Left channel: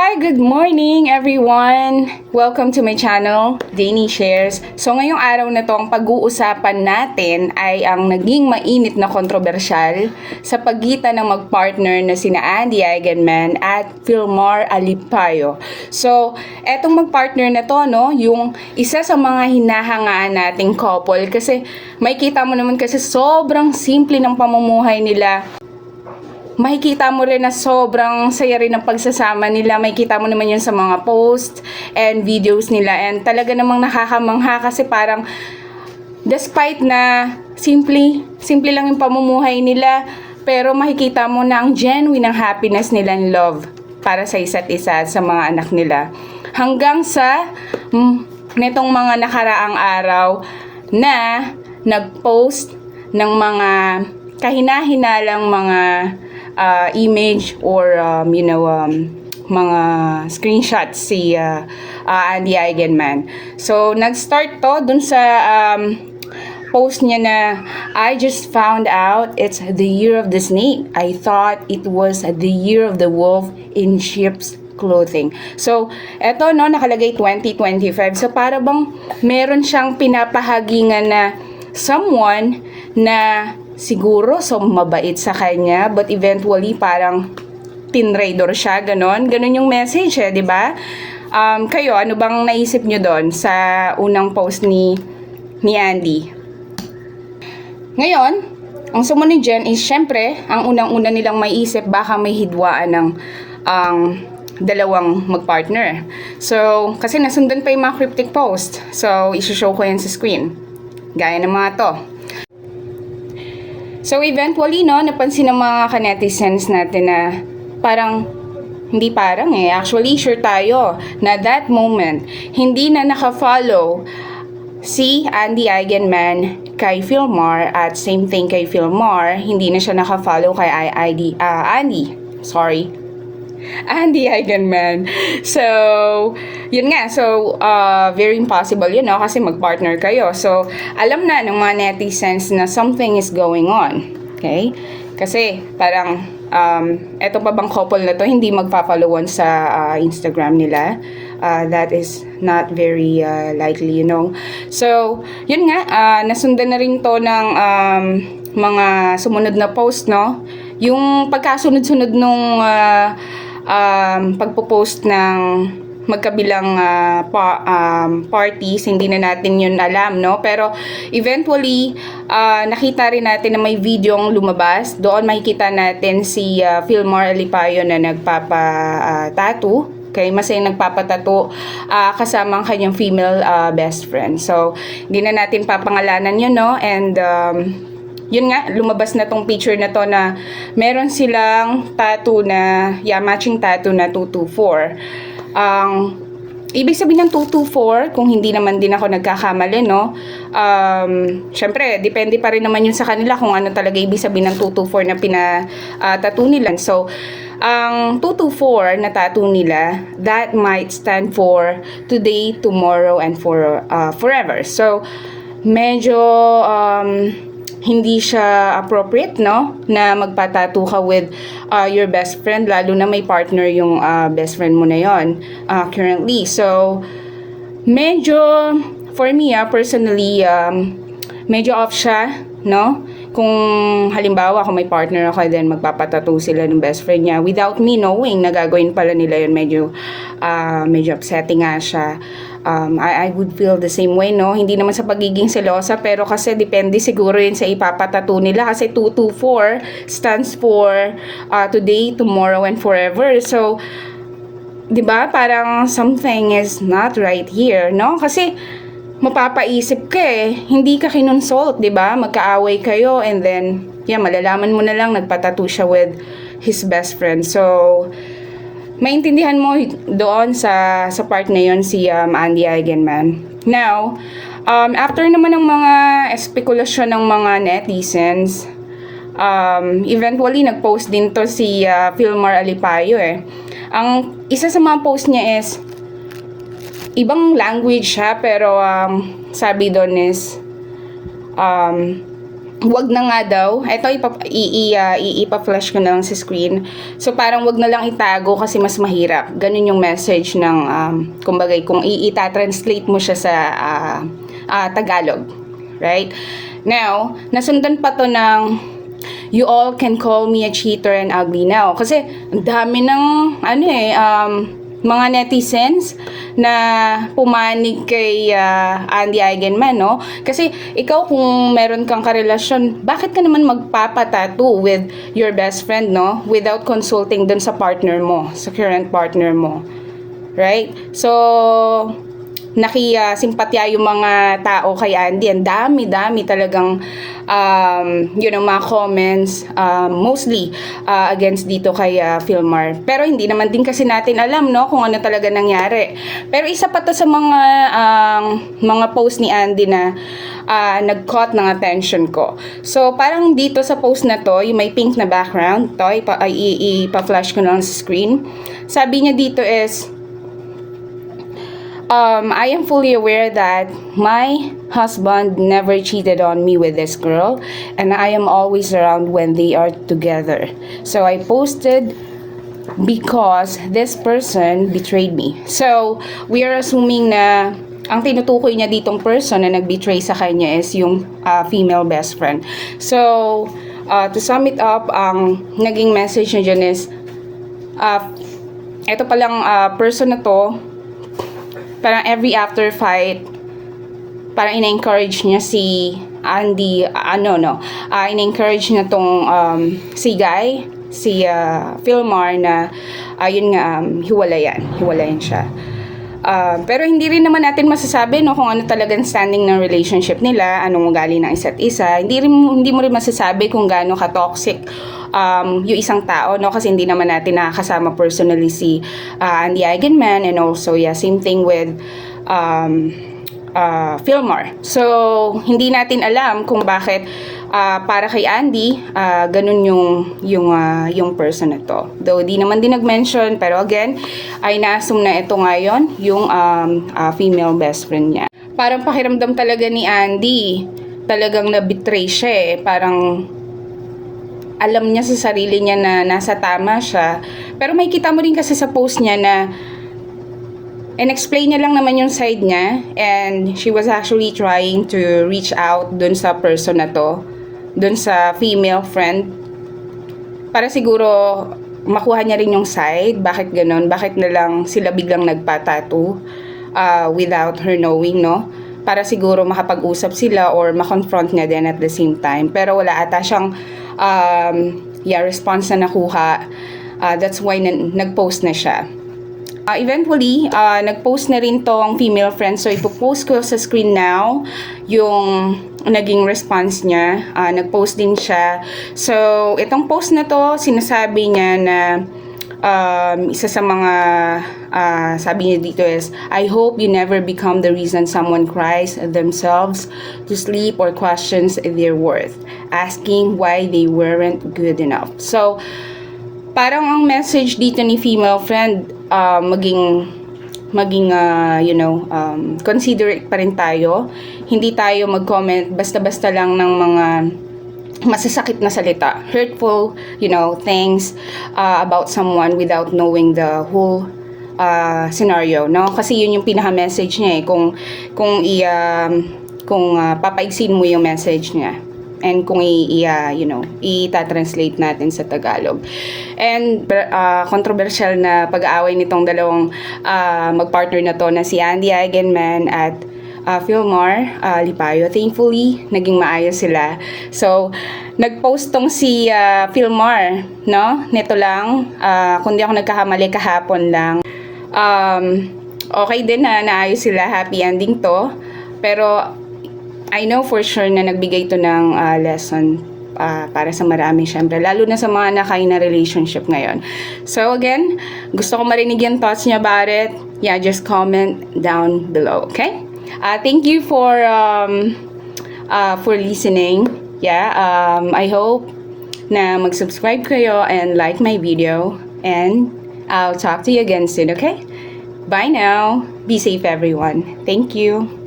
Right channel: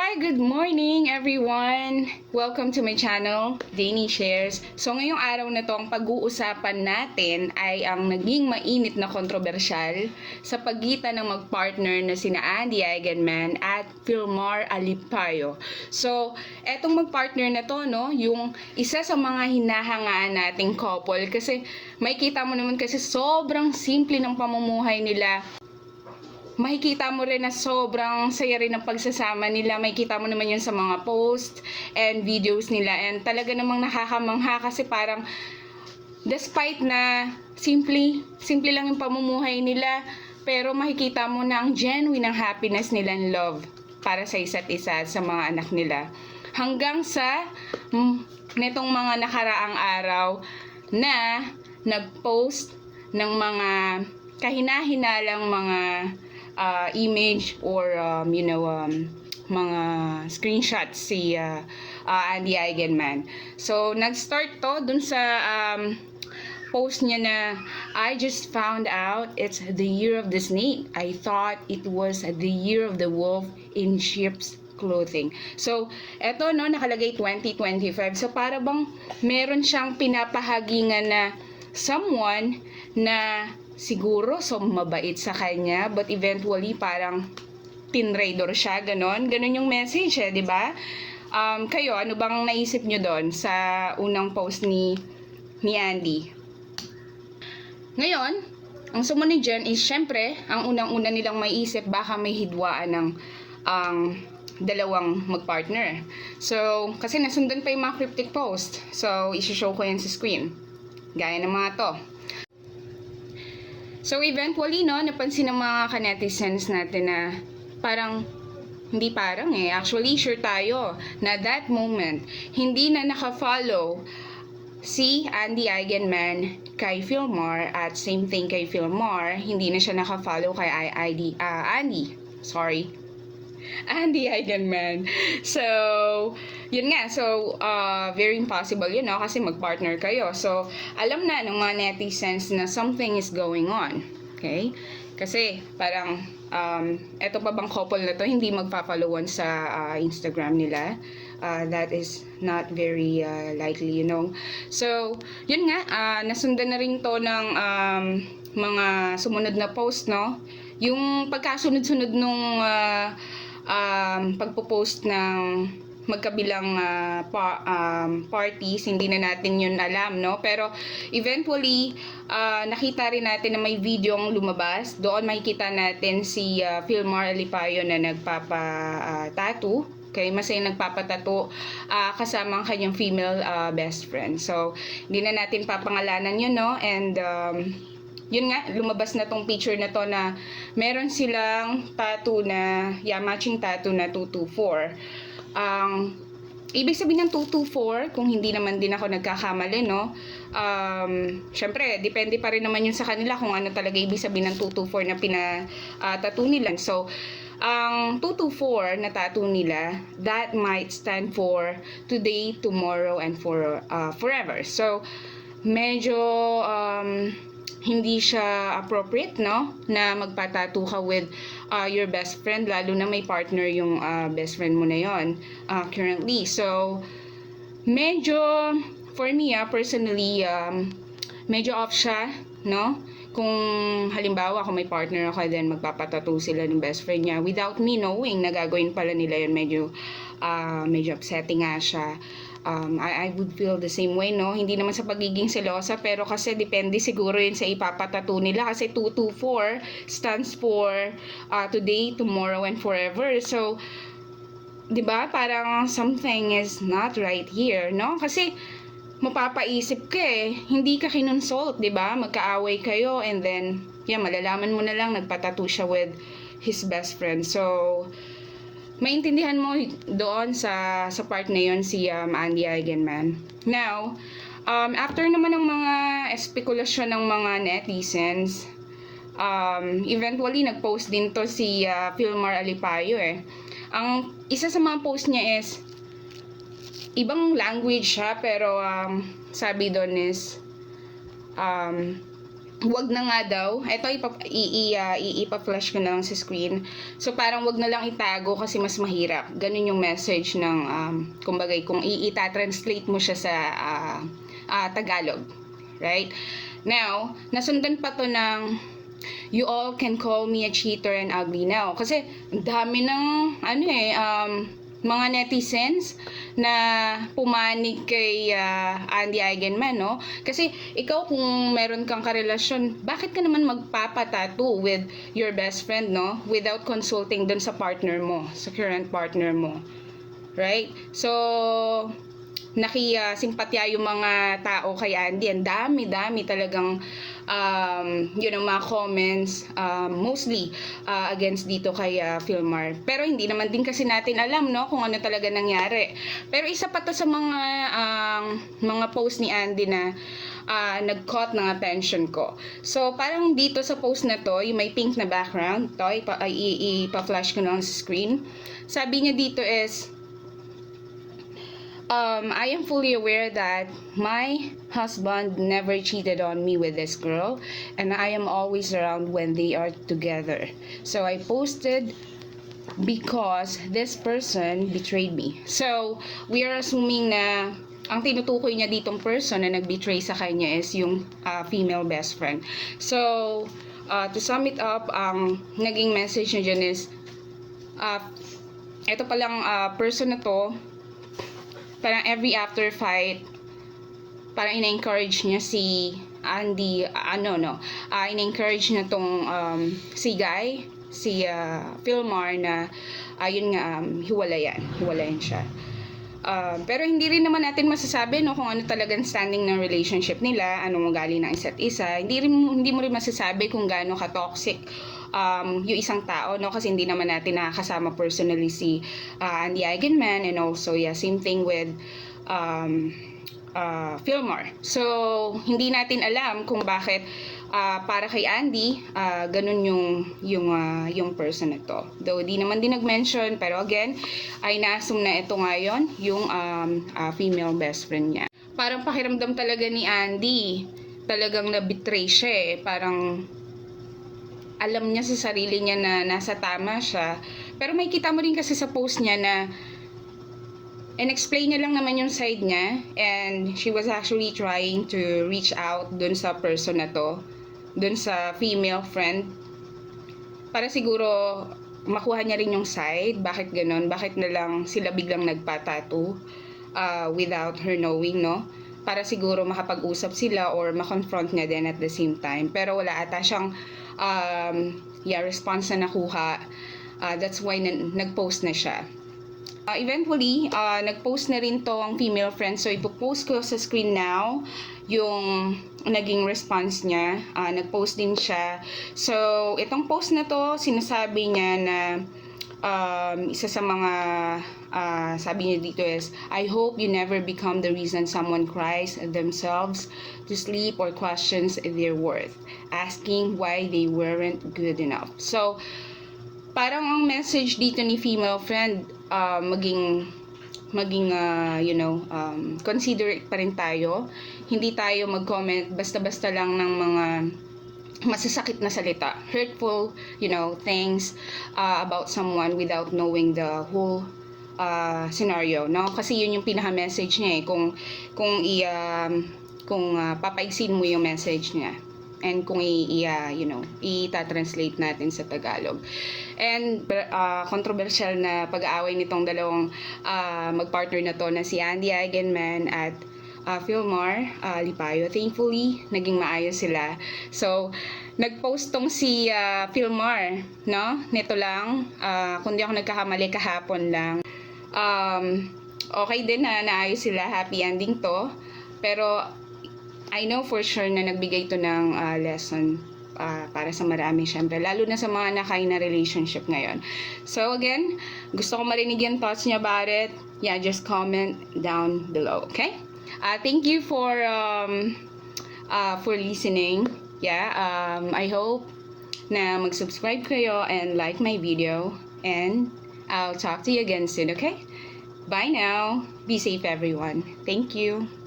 Hi, good morning everyone! Welcome to my channel, Dani Shares. So ngayong araw na to, ang pag-uusapan natin ay ang naging mainit na kontrobersyal sa pagitan ng magpartner na sina Andy Eigenman at Filmar Alipayo. So, etong magpartner na to, no, yung isa sa mga hinahangaan nating couple kasi makikita mo naman kasi sobrang simple ng pamumuhay nila. Makikita mo rin na sobrang saya rin ng pagsasama nila. Makikita mo naman yun sa mga posts and videos nila. And talaga namang nakakamangha kasi parang despite na simple lang yung pamumuhay nila, pero makikita mo na ang genuine ng happiness nila and love para sa isa't isa at sa mga anak nila. Hanggang sa netong mga nakaraang araw na nag-post ng mga kahina-hinalang mga image or mga screenshots si Andy Eigenman. So nag-start to dun sa post niya na I just found out it's the year of the snake. I thought it was the year of the wolf in sheep's clothing. So eto no, nakalagay 2025. So para bang meron siyang pinapahagingan na someone na siguro so mabait sa kanya, but eventually parang tinraidor siya, ganon yung message di ba? Kayo, ano bang naisip nyo doon sa unang post ni Andy? Ngayon, ang sumunod dyan is syempre, ang unang-una nilang maiisip, baka may hidwaan ng dalawang magpartner. So, kasi nasundan pa yung mga cryptic post. So, isushow ko yan sa screen. Gaya ng mga to. So eventually, no, napansin ng mga ka-netizens natin na actually sure tayo na that moment, hindi na naka-follow si Andy Eigenman kay Filmar at same thing kay Filmar, hindi na siya naka-follow kay Andy Eigenman. So, yun nga. So, very impossible yun, no? Kasi mag-partner kayo. So, alam na ng mga netizens na something is going on. Okay? Kasi, parang, eto pa bang couple na to, hindi magpa-followan sa Instagram nila. That is not very likely, you know. So, yun nga. Nasundan na rin to ng mga sumunod na post, no? Yung pagkasunod-sunod nung pagpo-post ng magkabilang parties, hindi na natin yun alam, no? Pero eventually, nakita rin natin na may videong lumabas. Doon makikita natin si Filmar Alipayo na nagpapa-tattoo. Okay, masaya nagpapatato kasama ang kanyang female best friend. So, hindi na natin papangalanan yun, no? And yun nga, lumabas na tong picture na to na meron silang tattoo na, matching tattoo na 224. Ibig sabihin ng 224, kung hindi naman din ako nagkakamali, no? Syempre, depende pa rin naman yun sa kanila kung ano talaga ibig sabihin ng 224 na tattoo nila. So, ang 224 na tattoo nila, that might stand for today, tomorrow, and forever. So, medyo hindi siya appropriate, no, na magpatattoo ka with your best friend, lalo na may partner yung best friend mo na yon currently. So medyo for me personally, medyo off siya, no? Kung halimbawa kung may partner ako, then magpapatattoo sila ng best friend niya without me knowing na gagawin pala nila yun, medyo upsetting nga siya. I would feel the same way, no? Hindi naman sa pagiging selosa, pero kasi depende siguro yun sa ipapatato nila kasi 224 stands for today, tomorrow, and forever. So, di ba, parang something is not right here, no? Kasi mapapaisip ka hindi ka kinonsult, di ba? Magkaaway kayo and then, malalaman mo na lang nagpatato siya with his best friend. So, maintindihan mo doon sa part na yon si Andy Eigenman. Now, after naman ng mga espekulasyon ng mga netizens, eventually nag-post din to si Filmar Alipayo Ang isa sa mga post niya is ibang language siya, pero sabi doon is wag na nga daw. Ito, ipa-flash ko na lang sa screen. So, parang wag na lang itago kasi mas mahirap. Ganun yung message ng, kumbaga, kung i-translate mo siya sa Tagalog. Right? Now, nasundan pa to ng, you all can call me a cheater and ugly now. Kasi, ang dami ng, mga netizens na pumanig kay Andy Eigenman, no? Kasi ikaw kung meron kang karelasyon, bakit ka naman magpapatattoo with your best friend, no? Without consulting dun sa partner mo, sa current partner mo. Right? So, nakisimpatya yung mga tao kay Andy. Ang dami talagang mga comments, mostly against dito kay Philmar. Pero hindi naman din kasi natin alam, no, kung ano talaga nangyari. Pero isa pa to sa mga post ni Andy na nag-caught ng attention ko. So, parang dito sa post na to, yung may pink na background, to, ipa-flash ko lang sa screen. Sabi niya dito is, I am fully aware that my husband never cheated on me with this girl, and I am always around when they are together. So I posted because this person betrayed me. So we are assuming na ang tinutukoy niya ditong person na nag-betray sa kanya is yung female best friend. So to sum it up, ang naging message niya dyan is eto palang person na to, parang every after fight, parang ina-encourage niya si Andy, ina-encourage niya tong si Guy, si Philmar na hiwalayan siya. Pero hindi rin naman natin masasabi, no, kung ano talagang standing ng relationship nila, anong ugali ng isa't isa. Hindi mo rin masasabi kung gaano ka-toxic yung isang tao, no, kasi hindi naman natin nakakasama personally si Andy Eigenman, and also same thing with Philmar. So hindi natin alam kung bakit para kay Andy ganun yung person na to. Though di naman din nag-mention, pero again ay na-assume na ito ngayon yung female best friend niya. Parang pakiramdam talaga ni Andy, talagang na-betray siya eh. Parang alam niya sa sarili niya na nasa tama siya. Pero may kita mo rin kasi sa post niya na explain niya lang naman yung side niya, and she was actually trying to reach out dun sa person na to, dun sa female friend, para siguro makuha niya rin yung side. Bakit ganun? Bakit na lang sila biglang nagpatattoo without her knowing, no? Para siguro makapag-usap sila or makonfront niya din at the same time. Pero wala ata siyang response na nakuha. That's why nag-post na siya. Eventually, nag-post na rin tong female friend. So, ipopost ko sa screen now yung naging response niya. Nag-post din siya. So, itong post na to, sinasabi niya na isa sa mga sabi niya dito is, I hope you never become the reason someone cries themselves to sleep or questions their worth, asking why they weren't good enough. So, parang ang message dito ni female friend, maging considerate pa rin tayo. Hindi tayo mag-comment basta-basta lang ng mga masasakit na salita, hurtful, things about someone without knowing the whole scenario, no? Kasi yun yung pinaka-message niya eh, kung papaigsin mo yung message niya, and kung i-translate natin sa Tagalog. And controversial na pag-aaway nitong dalawang magpartner na to na si Andy Eigenman at Philmar Lipayo. Thankfully, naging maayos sila. So, nag-post tong si Philmar, no? Nito lang, kung di ako nagkakamali, kahapon lang. Okay din na naayos sila, happy ending to. Pero I know for sure na nagbigay to ng lesson para sa marami, syempre, lalo na sa mga nakain na relationship ngayon. So again, gusto ko marinig yung thoughts niya about it. Yeah, just comment down below, okay? Thank you for listening. Yeah, I hope na mag-subscribe kayo and like my video, and I'll talk to you again soon, okay? Bye now. Be safe, everyone. Thank you.